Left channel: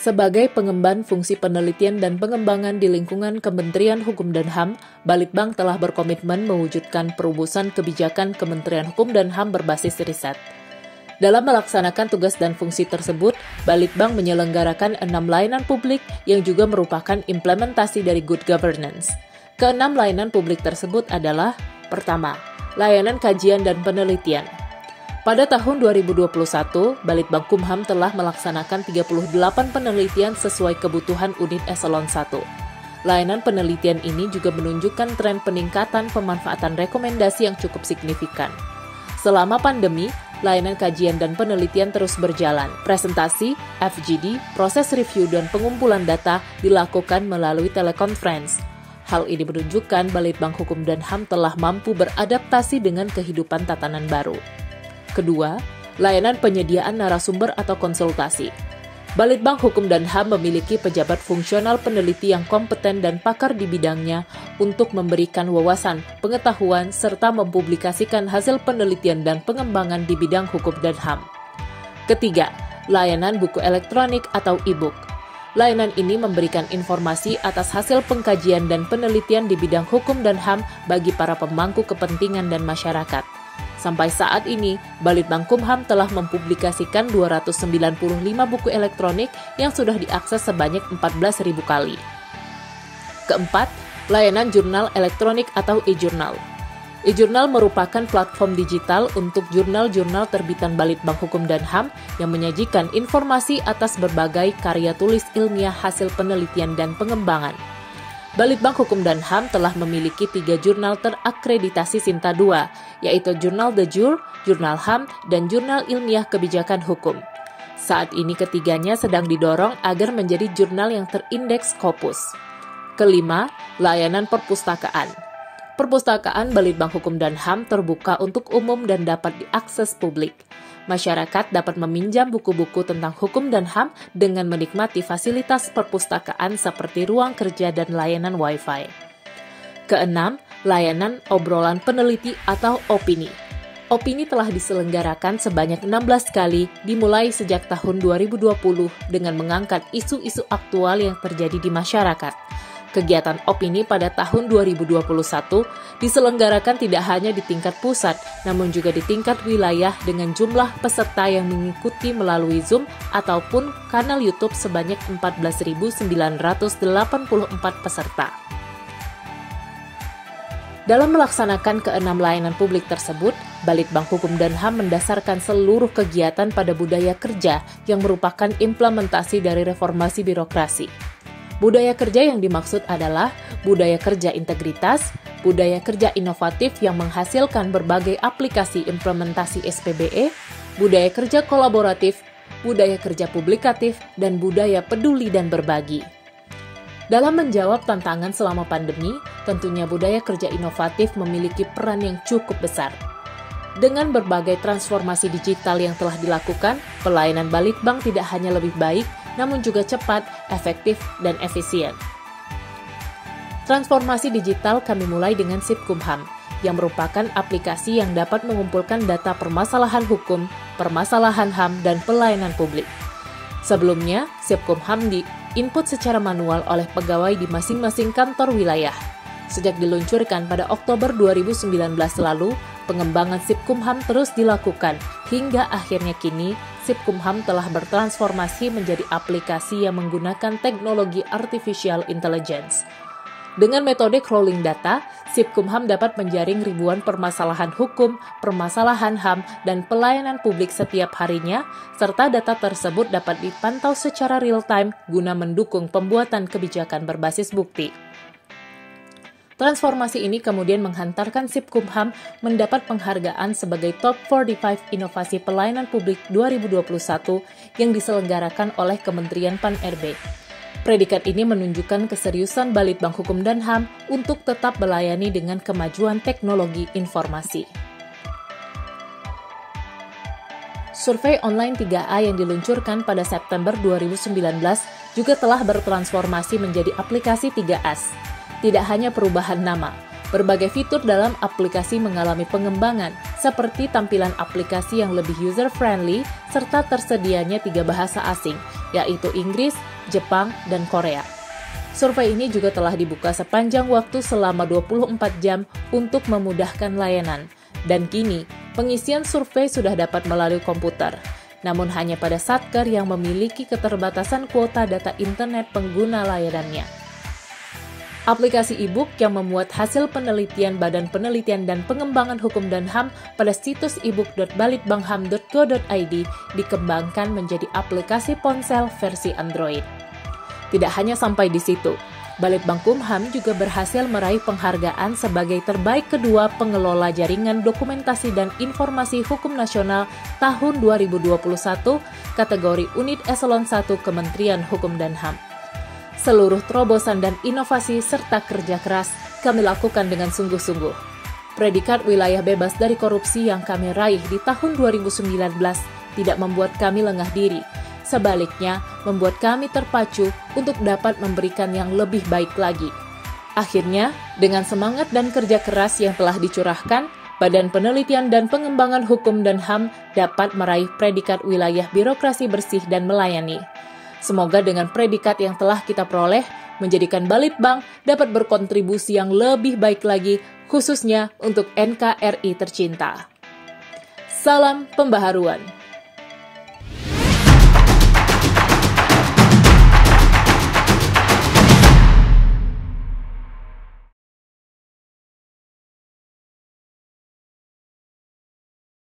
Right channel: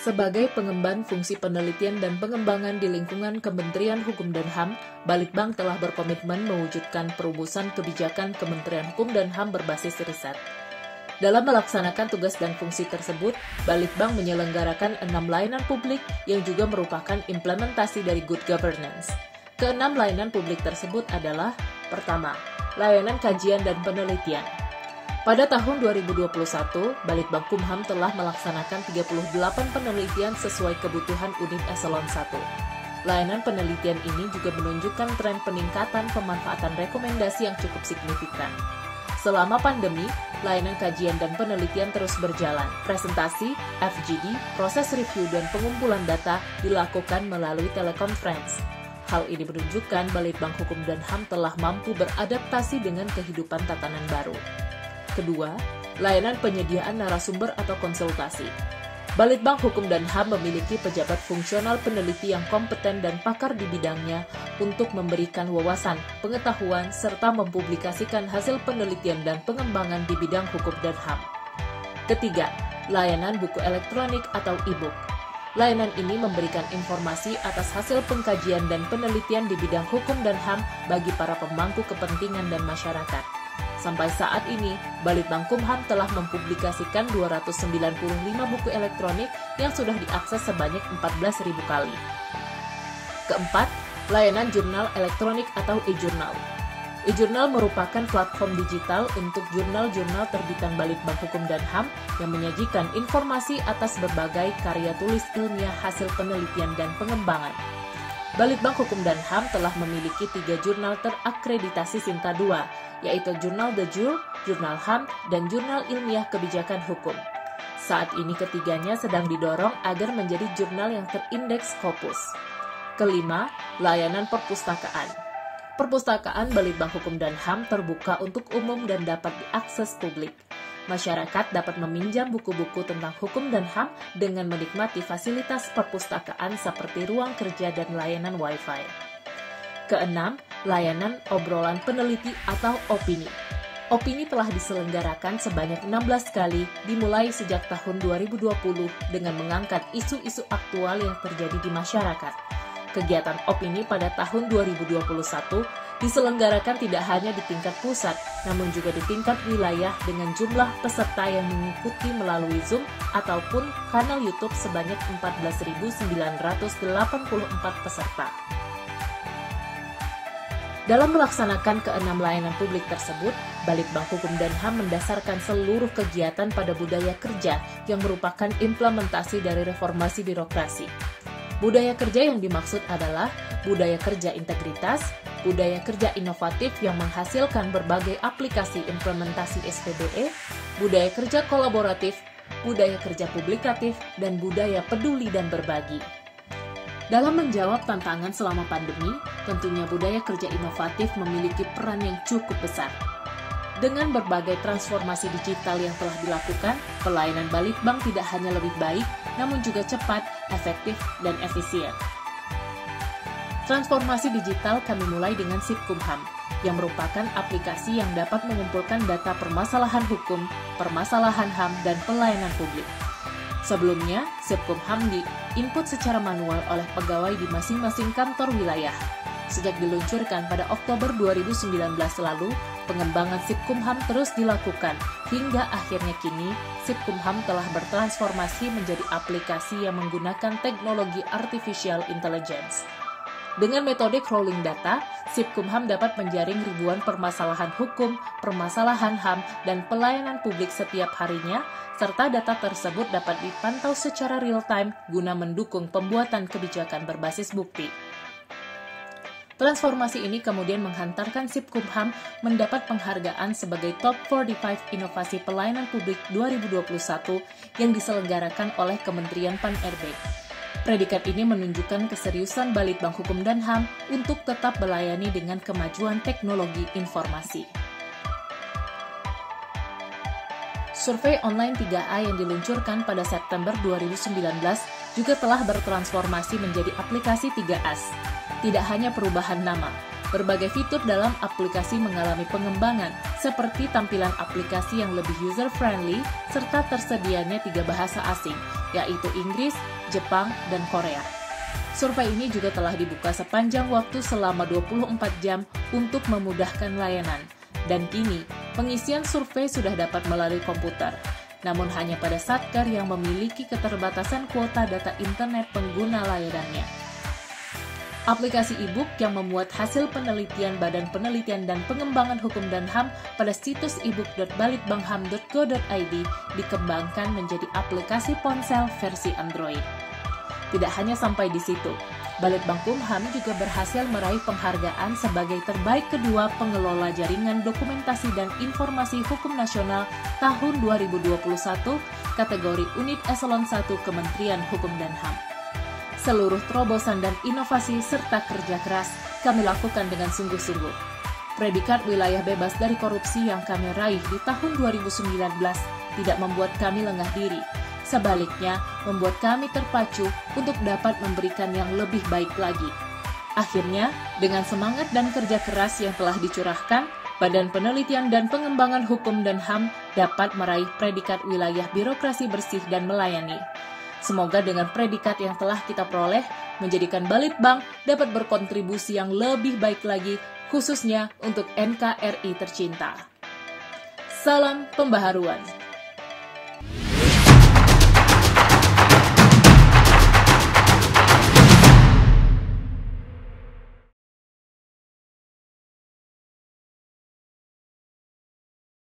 Sebagai pengemban fungsi penelitian dan pengembangan di lingkungan Kementerian Hukum dan HAM, Balitbang telah berkomitmen mewujudkan perumusan kebijakan Kementerian Hukum dan HAM berbasis riset. Dalam melaksanakan tugas dan fungsi tersebut, Balitbang menyelenggarakan 6 layanan publik yang juga merupakan implementasi dari Good Governance. Keenam layanan publik tersebut adalah: pertama, layanan kajian dan penelitian. Pada tahun 2021, Balitbang Kumham telah melaksanakan 38 penelitian sesuai kebutuhan unit eselon 1. Layanan penelitian ini juga menunjukkan tren peningkatan pemanfaatan rekomendasi yang cukup signifikan. Selama pandemi, layanan kajian dan penelitian terus berjalan. Presentasi, FGD, proses review dan pengumpulan data dilakukan melalui telekonferensi. Hal ini menunjukkan Balitbang Hukum dan HAM telah mampu beradaptasi dengan kehidupan tatanan baru. Kedua, layanan penyediaan narasumber atau konsultasi. Balitbang Hukum dan HAM memiliki pejabat fungsional peneliti yang kompeten dan pakar di bidangnya untuk memberikan wawasan, pengetahuan, serta mempublikasikan hasil penelitian dan pengembangan di bidang hukum dan HAM. Ketiga, layanan buku elektronik atau e-book. Layanan ini memberikan informasi atas hasil pengkajian dan penelitian di bidang hukum dan HAM bagi para pemangku kepentingan dan masyarakat. Sampai saat ini, Balitbang Kumham telah mempublikasikan 295 buku elektronik yang sudah diakses sebanyak 14.000 kali. Keempat, layanan jurnal elektronik atau e-jurnal. E-jurnal merupakan platform digital untuk jurnal-jurnal terbitan Balitbang Hukum dan HAM yang menyajikan informasi atas berbagai karya tulis ilmiah hasil penelitian dan pengembangan. Balitbang Hukum dan HAM telah memiliki 3 jurnal terakreditasi Sinta II, yaitu Jurnal De Jure, Jurnal HAM, dan Jurnal Ilmiah Kebijakan Hukum. Saat ini ketiganya sedang didorong agar menjadi jurnal yang terindeks Scopus. Kelima, layanan perpustakaan. Perpustakaan Balitbang Hukum dan HAM terbuka untuk umum dan dapat diakses publik. Masyarakat dapat meminjam buku-buku tentang hukum dan HAM dengan menikmati fasilitas perpustakaan seperti ruang kerja dan layanan Wi-Fi. Keenam, layanan obrolan peneliti atau opini. Opini telah diselenggarakan sebanyak 16 kali dimulai sejak tahun 2020 dengan mengangkat isu-isu aktual yang terjadi di masyarakat. Kegiatan opini pada tahun 2021 diselenggarakan tidak hanya di tingkat pusat, namun juga di tingkat wilayah dengan jumlah peserta yang mengikuti melalui Zoom ataupun kanal YouTube sebanyak 14.984 peserta. Dalam melaksanakan keenam layanan publik tersebut, Balitbang Hukum dan HAM mendasarkan seluruh kegiatan pada budaya kerja yang merupakan implementasi dari reformasi birokrasi. Budaya kerja yang dimaksud adalah budaya kerja integritas, budaya kerja inovatif yang menghasilkan berbagai aplikasi implementasi SPBE, budaya kerja kolaboratif, budaya kerja publikatif, dan budaya peduli dan berbagi. Dalam menjawab tantangan selama pandemi, tentunya budaya kerja inovatif memiliki peran yang cukup besar. Dengan berbagai transformasi digital yang telah dilakukan, pelayanan Balitbang tidak hanya lebih baik, namun juga cepat, efektif, dan efisien. Transformasi digital kami mulai dengan SIP-Kumham, yang merupakan aplikasi yang dapat mengumpulkan data permasalahan hukum, permasalahan HAM, dan pelayanan publik. Sebelumnya, SIP-Kumham di-input secara manual oleh pegawai di masing-masing kantor wilayah. Sejak diluncurkan pada Oktober 2019 lalu, pengembangan SIP-Kumham terus dilakukan, hingga akhirnya kini SIP-Kumham telah bertransformasi menjadi aplikasi yang menggunakan teknologi artificial intelligence. Dengan metode crawling data, SIP-Kumham dapat menjaring ribuan permasalahan hukum, permasalahan HAM, dan pelayanan publik setiap harinya, serta data tersebut dapat dipantau secara real-time guna mendukung pembuatan kebijakan berbasis bukti. Transformasi ini kemudian menghantarkan SIP-Kumham mendapat penghargaan sebagai Top 45 Inovasi Pelayanan Publik 2021 yang diselenggarakan oleh Kementerian Pan-RB. Predikat ini menunjukkan keseriusan Balitbang Hukum dan HAM untuk tetap melayani dengan kemajuan teknologi informasi. Survei online 3A yang diluncurkan pada September 2019 juga telah bertransformasi menjadi aplikasi 3As. Tidak hanya perubahan nama, berbagai fitur dalam aplikasi mengalami pengembangan, seperti tampilan aplikasi yang lebih user-friendly, serta tersedianya 3 bahasa asing, yaitu Inggris, Jepang, dan Korea. Survei ini juga telah dibuka sepanjang waktu selama 24 jam untuk memudahkan layanan. Dan kini, pengisian survei sudah dapat melalui komputer. Namun hanya pada satker yang memiliki keterbatasan kuota data internet pengguna layanannya. Aplikasi e-book yang memuat hasil penelitian Badan Penelitian dan Pengembangan Hukum dan HAM pada situs ebook.balitbangham.go.id dikembangkan menjadi aplikasi ponsel versi Android. Tidak hanya sampai di situ, Balitbangkumham juga berhasil meraih penghargaan sebagai terbaik kedua pengelola jaringan dokumentasi dan informasi hukum nasional tahun 2021 kategori Unit Eselon 1 Kementerian Hukum dan HAM. Seluruh terobosan dan inovasi serta kerja keras kami lakukan dengan sungguh-sungguh. Predikat wilayah bebas dari korupsi yang kami raih di tahun 2019 tidak membuat kami lengah diri. Sebaliknya, membuat kami terpacu untuk dapat memberikan yang lebih baik lagi. Akhirnya, dengan semangat dan kerja keras yang telah dicurahkan, Badan Penelitian dan Pengembangan Hukum dan HAM dapat meraih predikat wilayah birokrasi bersih dan melayani. Semoga dengan predikat yang telah kita peroleh, menjadikan Balitbang dapat berkontribusi yang lebih baik lagi, khususnya untuk NKRI tercinta. Salam pembaharuan.